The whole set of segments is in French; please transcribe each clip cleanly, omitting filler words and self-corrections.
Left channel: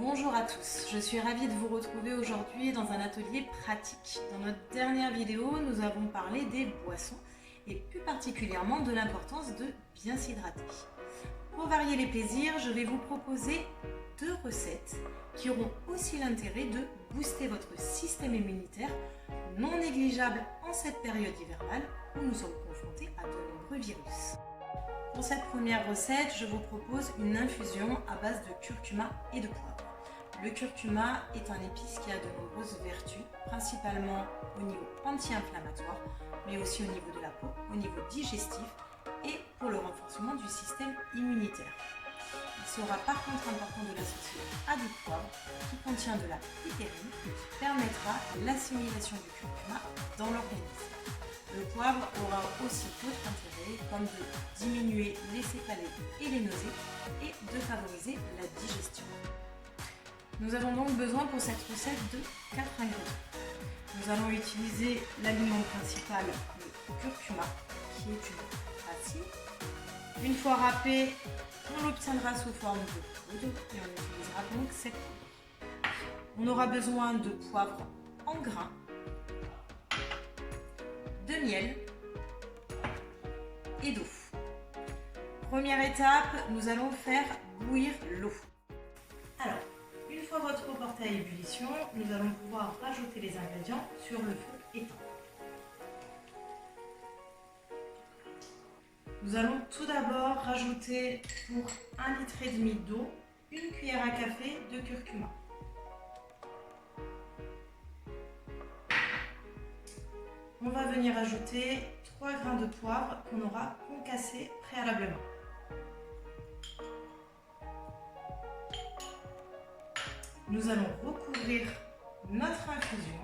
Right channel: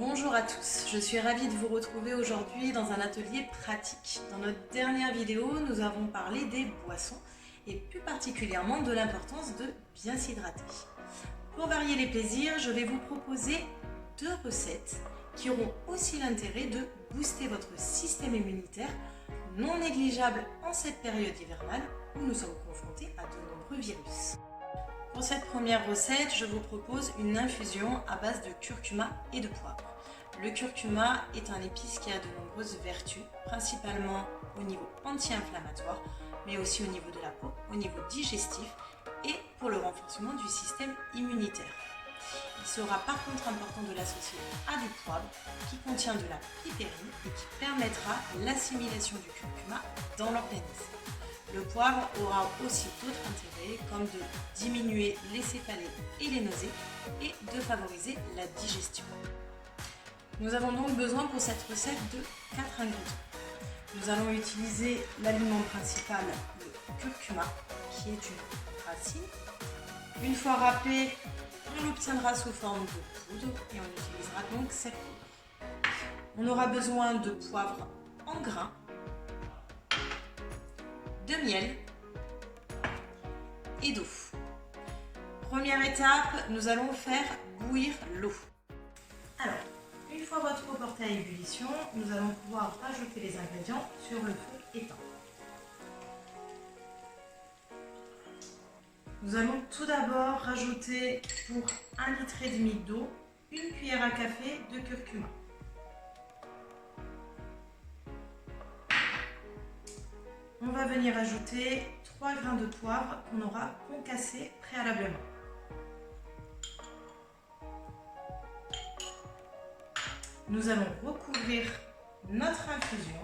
Bonjour à tous, je suis ravie de vous retrouver aujourd'hui dans un atelier pratique. Dans notre dernière vidéo, nous avons parlé des boissons et plus particulièrement de l'importance de bien s'hydrater. Pour varier les plaisirs, je vais vous proposer 2 recettes qui auront aussi l'intérêt de booster votre système immunitaire, non négligeable en cette période hivernale où nous sommes confrontés à de nombreux virus. Pour cette première recette, je vous propose une infusion à base de curcuma et de poivre. Le curcuma est un épice qui a de nombreuses vertus, principalement au niveau anti-inflammatoire, mais aussi au niveau de la peau, au niveau digestif et pour le renforcement du système immunitaire. Il sera par contre important de l'associer à du poivre qui contient de la piperine et qui permettra l'assimilation du curcuma dans l'organisme. Le poivre aura aussi d'autres intérêts comme de diminuer les céphalées et les nausées et de favoriser la digestion. Nous avons donc besoin pour cette recette de 4 ingrédients. Nous allons utiliser l'aliment principal, le curcuma, qui est une racine. Une fois râpé, on l'obtiendra sous forme de poudre et on utilisera donc cette poudre. On aura besoin de poivre en grains, de miel et d'eau. Première étape, nous allons faire bouillir l'eau. Alors, une fois votre eau portée à ébullition, nous allons pouvoir rajouter les ingrédients sur le feu éteint. Nous allons tout d'abord rajouter pour 1,5 litre d'eau, une cuillère à café de curcuma. On va venir ajouter 3 grains de poivre qu'on aura concassés préalablement. Nous allons recouvrir notre infusion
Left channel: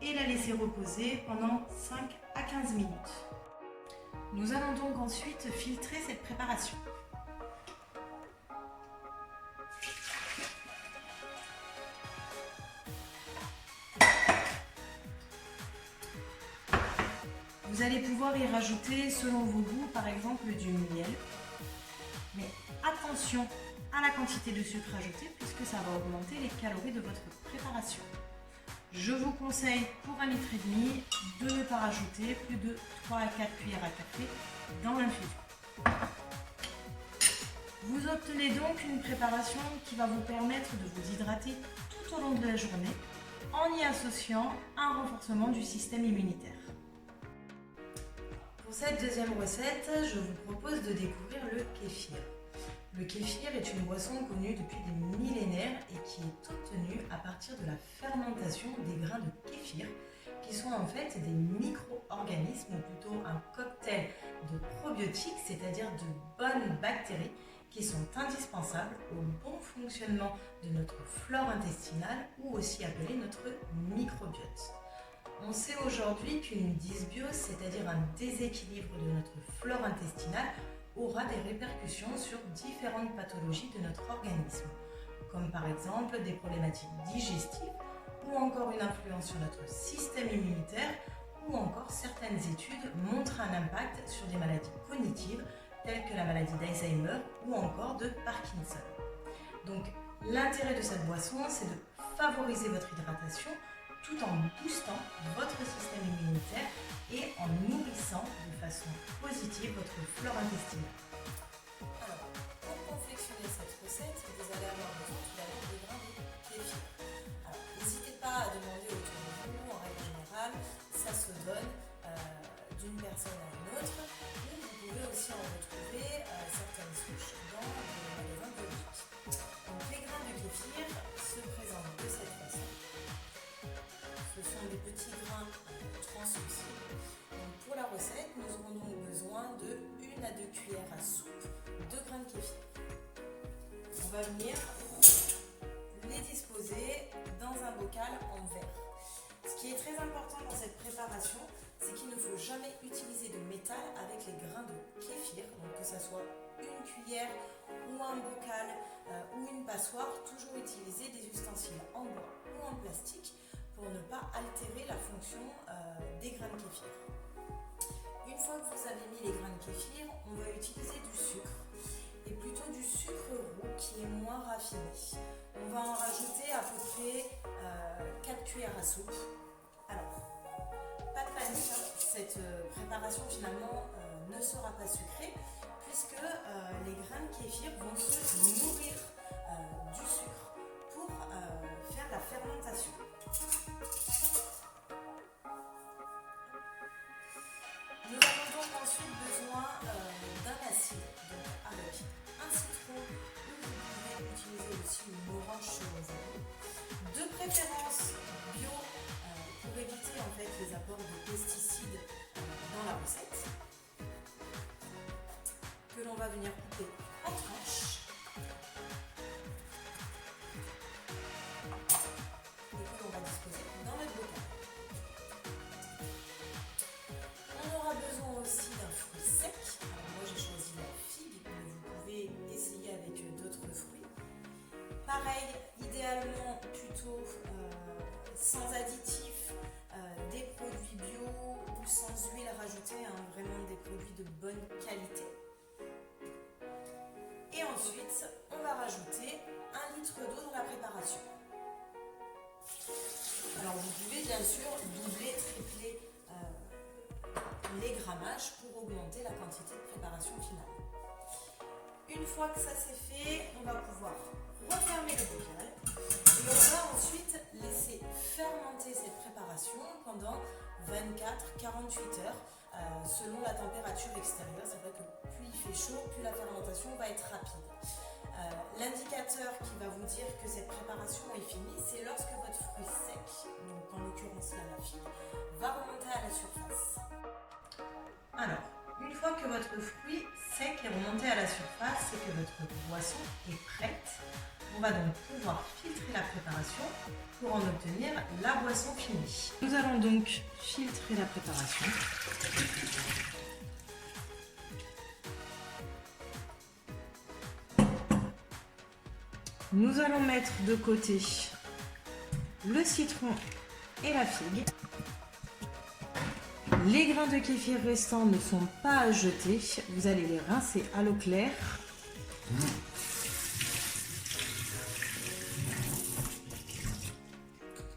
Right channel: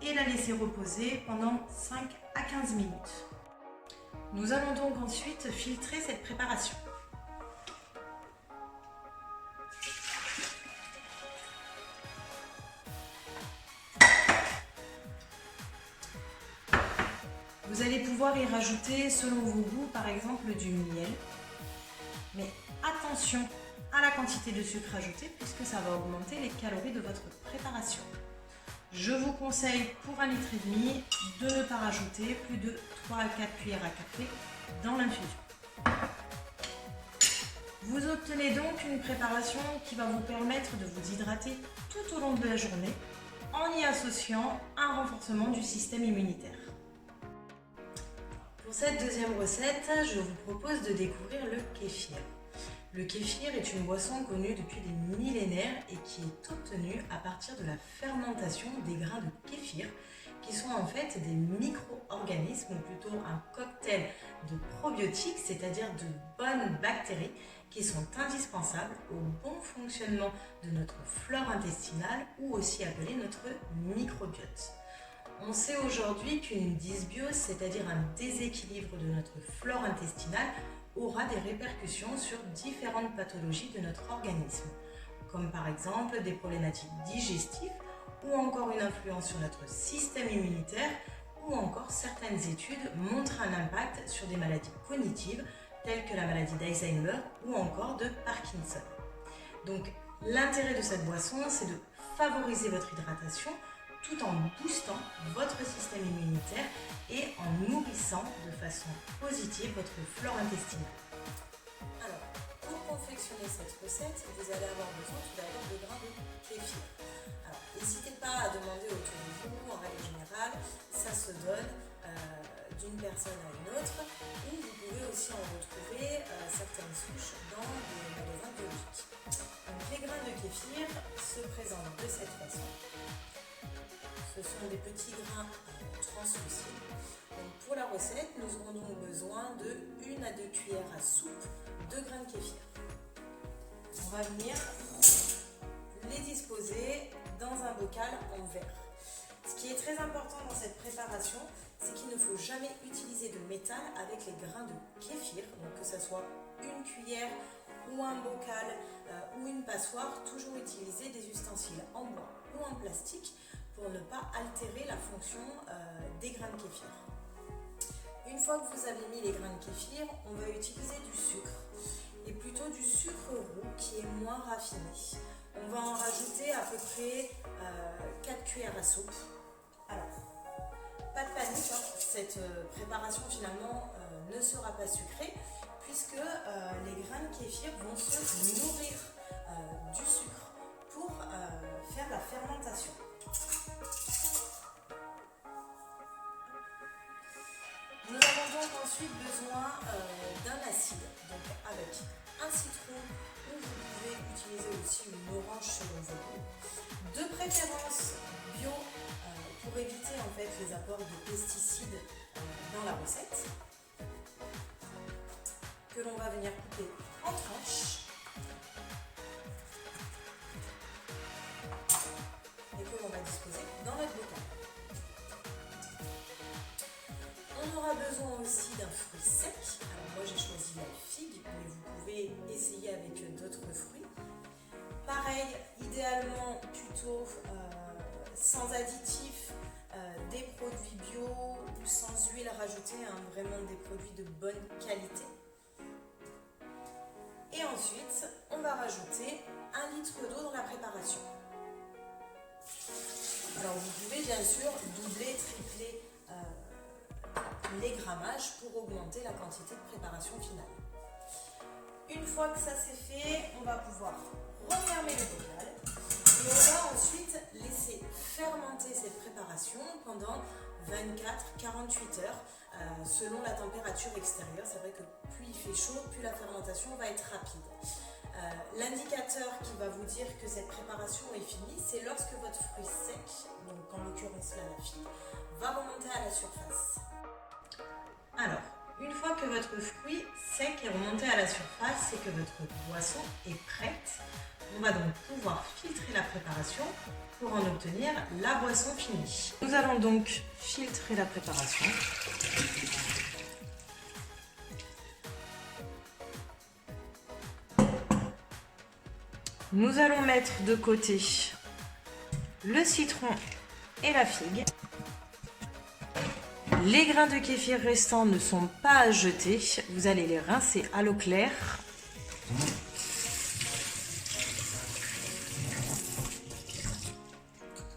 et la laisser reposer pendant 5 à 15 minutes. Nous allons donc ensuite filtrer cette préparation. Vous allez pouvoir y rajouter selon vos goûts, par exemple du miel. Mais attention à la quantité de sucre ajoutée puisque ça va augmenter les calories de votre préparation. Je vous conseille pour 1,5 litre de ne pas rajouter plus de 3 à 4 cuillères à café dans l'infusion. Vous obtenez donc une préparation qui va vous permettre de vous hydrater tout au long de la journée en y associant un renforcement du système immunitaire. Pour cette deuxième recette, je vous propose de découvrir le kéfir. Le kéfir est une boisson connue depuis des millénaires et qui est obtenue à partir de la fermentation des grains de kéfir, qui sont en fait des micro-organismes, ou plutôt un cocktail de probiotiques, c'est-à-dire de bonnes bactéries qui sont indispensables au bon fonctionnement de notre flore intestinale ou aussi appelée notre microbiote. On sait aujourd'hui qu'une dysbiose, c'est-à-dire un déséquilibre de notre flore intestinale, aura des répercussions sur différentes pathologies de notre organisme, comme par exemple des problématiques digestives ou encore une influence sur notre système immunitaire ou encore certaines études montrent un impact sur des maladies cognitives telles que la maladie d'Alzheimer ou encore de Parkinson. Donc l'intérêt de cette boisson, c'est de favoriser votre hydratation tout en boostant votre système immunitaire et en nourrissant de façon positive votre flore intestinale. Alors, pour confectionner cette recette, vous allez avoir besoin tout d'abord de grains de kéfir. Alors, n'hésitez pas à demander autour de vous, en règle générale, ça se donne d'une personne à une autre, ou vous pouvez aussi en retrouver certaines souches dans des magasins biologiques. Donc, les grains de kéfir se présentent de cette façon. Ce sont des petits grains translucides. Donc pour la recette, nous aurons donc besoin de 1 à 2 cuillères à soupe de grains de kéfir. On va venir les disposer dans un bocal en verre. Ce qui est très important dans cette préparation, c'est qu'il ne faut jamais utiliser de métal avec les grains de kéfir, donc que ce soit une cuillère ou un bocal ou une passoire, toujours utiliser des ustensiles en bois ou en plastique pour ne pas altérer la fonction des grains de kéfir. Une fois que vous avez mis les grains de kéfir, on va utiliser du sucre, et plutôt du sucre roux qui côté moins raffiné. On va en rajouter à peu près 4 cuillères à soupe. Alors, pas de panique, hein, cette préparation finalement ne sera pas sucrée puisque les grains de kéfir vont se nourrir du sucre pour faire la fermentation. Nous avons donc ensuite besoin d'un acide, donc avec un citron ou vous pouvez utiliser aussi une orange selon vos goûts. De préférence bio pour éviter en fait les apports de pesticides dans la recette, que l'on va venir couper en tranches et que l'on va disposer dans notre bocal. On aura besoin aussi d'un fruit sec. Alors moi j'ai choisi la figue, mais vous pouvez essayer avec d'autres fruits. Pareil, idéalement plutôt sans additifs, des produits bio ou sans huile rajoutée, hein, vraiment des produits de bonne qualité. Et ensuite, on va rajouter 1 litre d'eau dans la préparation. Alors vous pouvez bien sûr doubler, tripler les grammages pour augmenter la quantité de préparation finale. Une fois que ça c'est fait, on va pouvoir refermer le bocal et on va ensuite laisser fermenter cette préparation pendant 24-48 heures selon la température extérieure. C'est vrai que plus il fait chaud, plus la fermentation va être rapide. L'indicateur qui va vous dire que cette préparation est finie, c'est lorsque votre fruit sec, donc en l'occurrence là la figue, va remonter à la surface. Alors, une fois que votre fruit sec est remonté à la surface, c'est que votre boisson est prête. On va donc pouvoir filtrer la préparation pour en obtenir la boisson finie. Nous allons donc filtrer la préparation. Nous allons mettre de côté le citron et la figue. Les grains de kéfir restants ne sont pas à jeter. Vous allez les rincer à l'eau claire.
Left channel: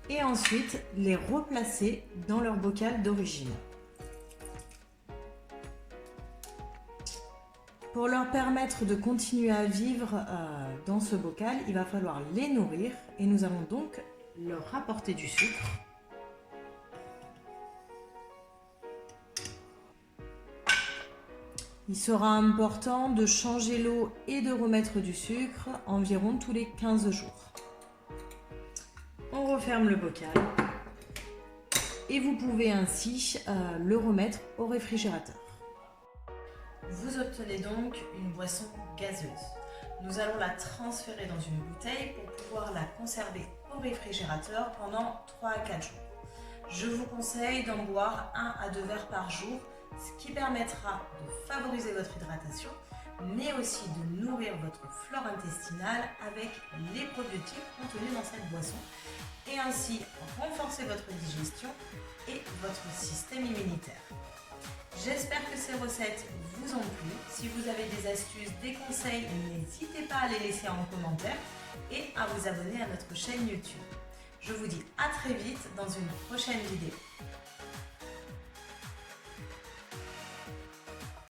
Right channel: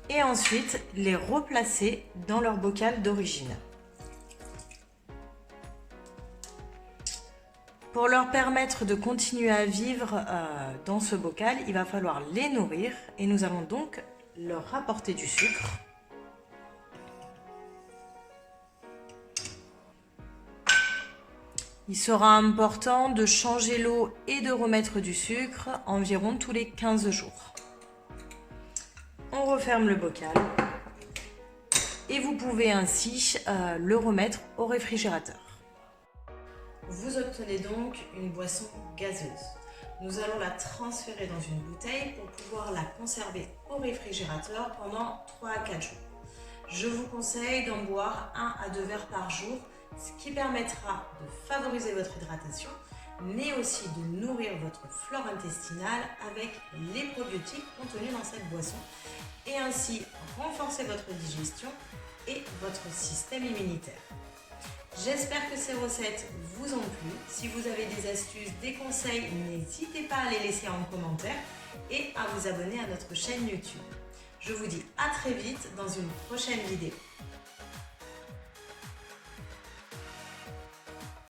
Et ensuite les replacer dans leur bocal d'origine. Pour leur permettre de continuer à vivre dans ce bocal, il va falloir les nourrir et nous allons donc leur rapporter du sucre. Il sera important de changer l'eau et de remettre du sucre environ tous les 15 jours. On referme le bocal et vous pouvez ainsi le remettre au réfrigérateur. Vous obtenez donc une boisson gazeuse. Nous allons la transférer dans une bouteille pour pouvoir la conserver au réfrigérateur pendant 3 à 4 jours. Je vous conseille d'en boire 1 à 2 verres par jour, ce qui permettra de favoriser votre hydratation, mais aussi de nourrir votre flore intestinale avec les probiotiques contenus dans cette boisson et ainsi renforcer votre digestion et votre système immunitaire. J'espère que ces recettes vous ont plu. Si vous avez des astuces, des conseils, n'hésitez pas à les laisser en commentaire et à vous abonner à notre chaîne YouTube. Je vous dis à très vite dans une prochaine vidéo.